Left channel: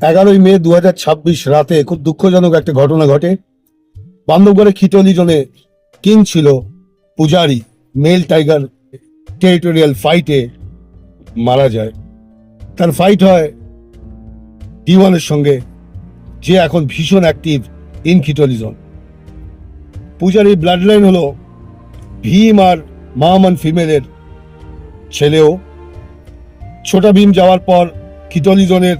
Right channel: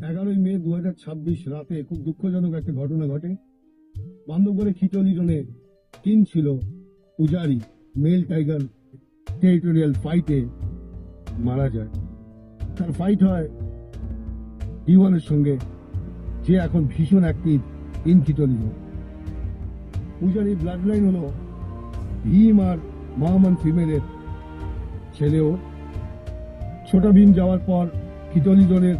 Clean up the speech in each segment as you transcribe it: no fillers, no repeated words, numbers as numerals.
11ই মে 2026 রাতে খুব দুঃখজনক একটা ঘটনা ঘটে। বান্ধবগড়ে খিটলি জোনে কিং ছিল পূজারি, মেল টাইগার টেরিটোরিয়াল ফাইটে মারা যায়। তার ফাইট হয় D1-এর সঙ্গে, যে এখন ভীষণ অ্যাক্টিভ ইন খিটলি জোন। পূজারির ব্লাড লাইন হলো ভীম আর মামান ফিমেলের ছেলেও। ছোটা ভীম যাওয়ার পর খিটলি জোনের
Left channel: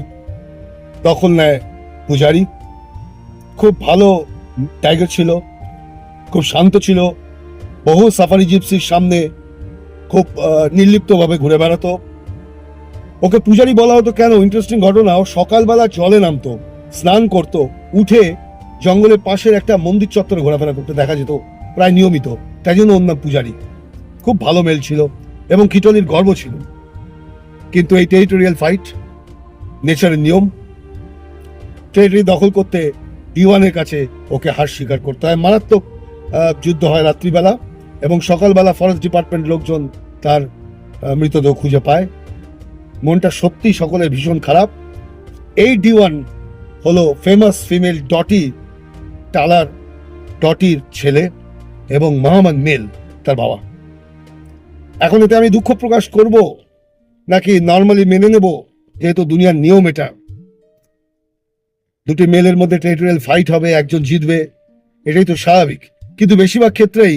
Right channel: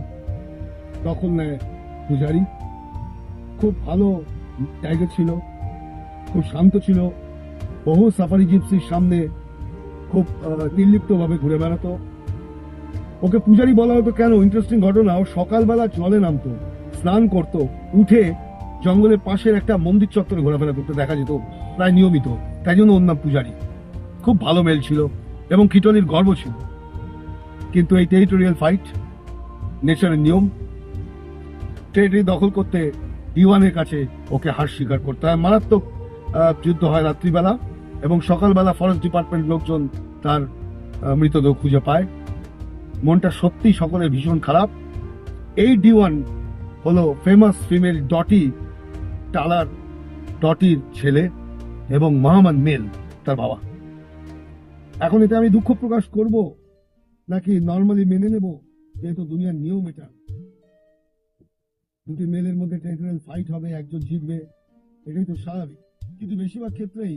দখল নেয় পূজারি। খুব ভালো টাইগার ছিল, খুব শান্ত ছিল, বহু সাফারি জিপসির সামনে খুব নির্লিপ্তভাবে ঘুরে বেড়াতো। ওকে পূজারি বলা হতো কেন? ইন্টারেস্টিং ঘটনা, ও সকালবেলা জলে নামতো, স্নান করতো, উঠে জঙ্গলের পাশের একটা মন্দির চত্বরে ঘোরাফেরা করতে দেখা যেত প্রায় নিয়মিত। তাই জন্য ওর নাম পূজারি। খুব ভালো মেল ছিল এবং খিটলির গর্ব ছিল। কিন্তু এই টেরিটোরিয়াল ফাইট, নেচারের নিয়ম, টেরিটরি দখল করতে D1-এর কাছে ওকে হার স্বীকার করতে হয়। মারাত্মক যুদ্ধ হয় রাত্রিবেলা, এবং সকালবেলা ফরেস্ট ডিপার্টমেন্ট লোকজন তার মৃতদেহ খুঁজে পায়। মনটা সত্যি সকলের ভীষণ খারাপ। এই D1 হলো ফেমাস ফিমেল ডটি টালার ডটির ছেলে এবং মাহমান মেল তার বাবা। এখন এতে আমি দুঃখ প্রকাশ করব নাকি নর্মালি মেনে নেব, যেহেতু দুনিয়ার নিয়ম এটা? দুটি মেলের মধ্যে টেরিটোরিয়াল ফাইট হবে, একজন জিতবে, এটাই তো স্বাভাবিক। কিন্তু বেশিরভাগ ক্ষেত্রেই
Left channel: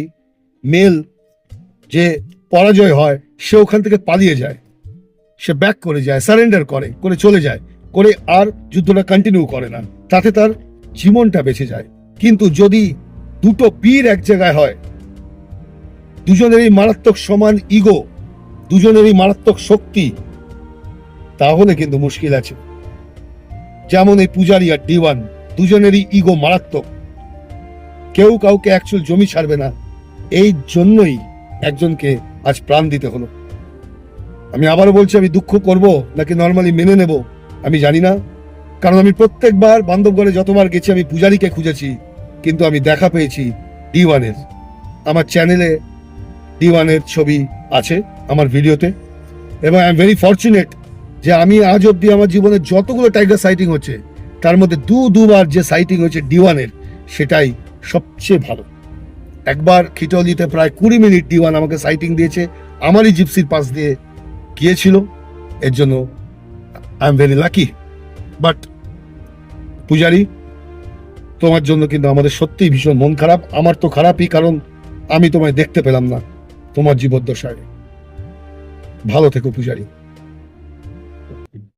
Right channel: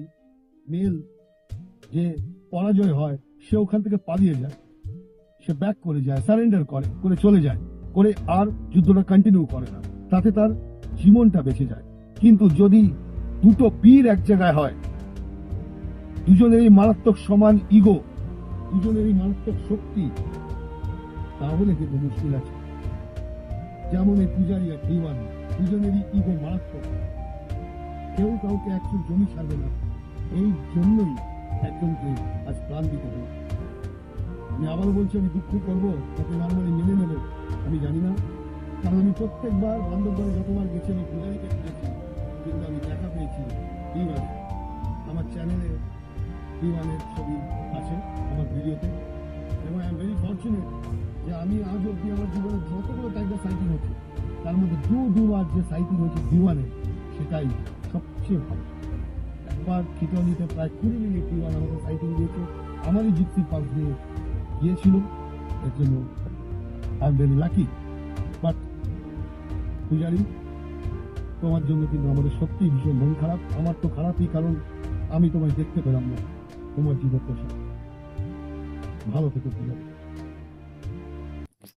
মেল যে পরাজয় হয়, সে ওখান থেকে পালিয়ে যায়, সে ব্যাক করে যায়, সারেন্ডার করে চলে যায়, করে আর যুদ্ধটা কন্টিনিউ করে না। তাতে তার জীবনটা বেঁচে যায়। কিন্তু যদি দুটো পীর এক জায়গায় হয়, দুজনেরই মারাত্মক সমান ইগো, দুজনেরই মারাত্মক শক্তি, তাহলে কিন্তু মুশকিল আছে। যেমন এই পূজারি আর D1, দুজনেরই ইগো মারাত্মক, কেউ কাউকে অ্যাকচুয়াল জমি ছাড়বে না। এই জন্যই একজনকে আজ প্রাণ দিতে হলো। আমি আবারও বলছি, আমি দুঃখ করব নাকি নর্মালি মেনে নেব আমি জানি না। কারণ আমি প্রত্যেকবার বান্ধবগড়ে যতবার গেছি আমি পূজারিকে খুঁজেছি, কিন্তু আমি দেখা পেয়েছি D1-এর। আমার চ্যানেলে D1-এর ছবি আছে আমার ভিডিওতে, এবং আই এম ভেরি ফর্চুনেট যে আমি আজ অব্দি আমার জীবনে যতগুলো টাইগার সাইটিং হচ্ছে, তার মধ্যে দুবার যে সাইটিং হয়েছে D1-এর, সেটাই সবচেয়ে ভালো। একবার খিটলিতে প্রায় 20 মিনিট D1 আমাকে সাইটিং দিয়েছে, আমারই জিপসির পাশ দিয়ে গিয়েছিল। এর জন্য I am very lucky. But পূজারি, তোমার জন্য কিন্তু আমাদের সত্যিই ভীষণ মন খারাপ। আমার তো খারাপই, কারণ আমি তোমায় দেখতে পেলাম না তোমার জীবদ্দশায়। ভালো থেকো পূজারি।